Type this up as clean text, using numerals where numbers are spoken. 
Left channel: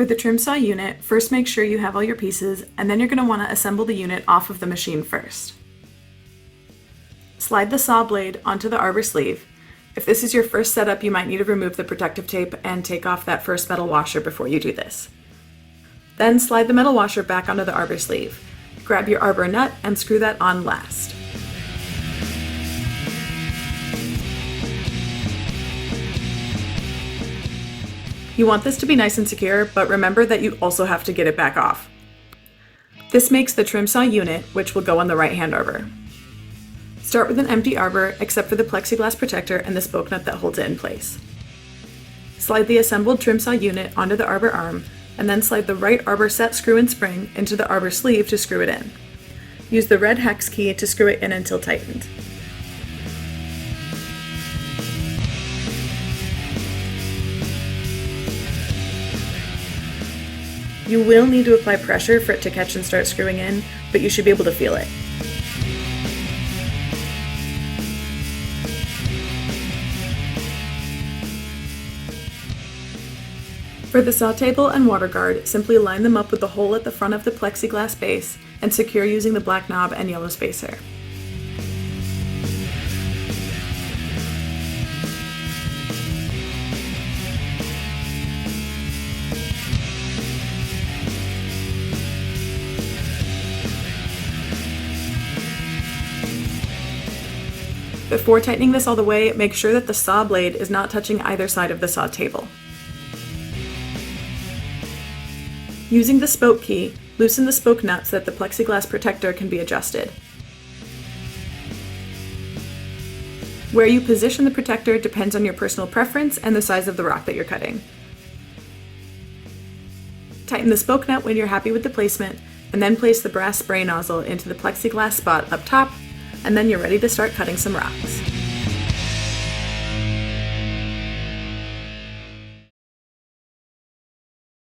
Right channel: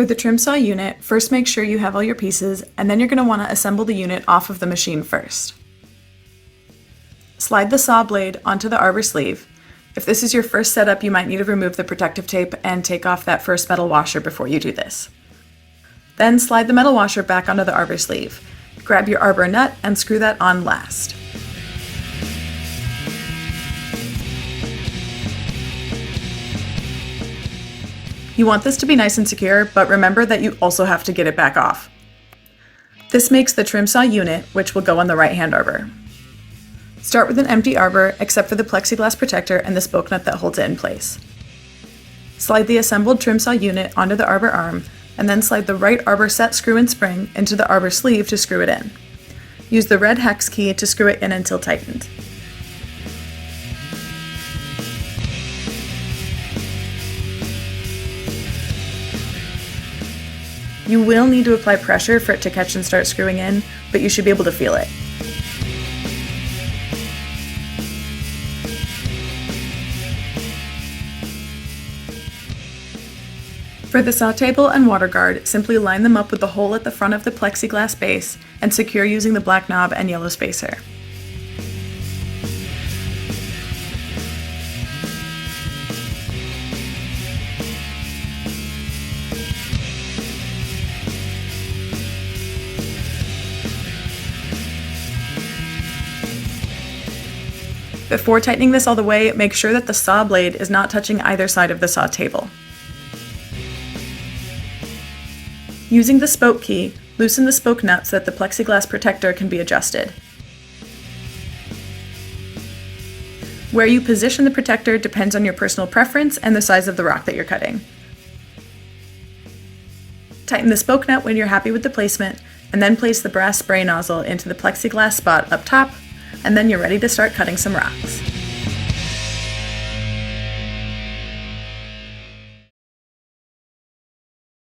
For the trim saw unit, first make sure you have all your pieces, and then you're going to want to assemble the unit off of the machine first. Slide the saw blade onto the arbor sleeve. If this is your first setup, you might need to remove the protective tape and take off that first metal washer before you do this. Then slide the metal washer back onto the arbor sleeve. Grab your arbor nut and screw that on last. You want this to be nice and secure, but remember that you also have to get it back off. This makes the trim saw unit, which will go on the right-hand arbor. Start with an empty arbor, except for the plexiglass protector and the spoke nut that holds it in place. Slide the assembled trim saw unit onto the arbor arm, and then slide the right arbor set screw and spring into the arbor sleeve to screw it in. Use the red hex key to screw it in until tightened. You will need to apply pressure for it to catch and start screwing in, but you should be able to feel it. For the saw table and water guard, simply line them up with the hole at the front of the plexiglass base and secure using the black knob and yellow spacer. Before tightening this all the way, make sure that the saw blade is not touching either side of the saw table. Using the spoke key, loosen the spoke nut so that the plexiglass protector can be adjusted. Where you position the protector depends on your personal preference and the size of the rock that you're cutting. Tighten the spoke nut when you're happy with the placement, and then place the brass spray nozzle into the plexiglass spot up top, and then you're ready to start cutting some rocks.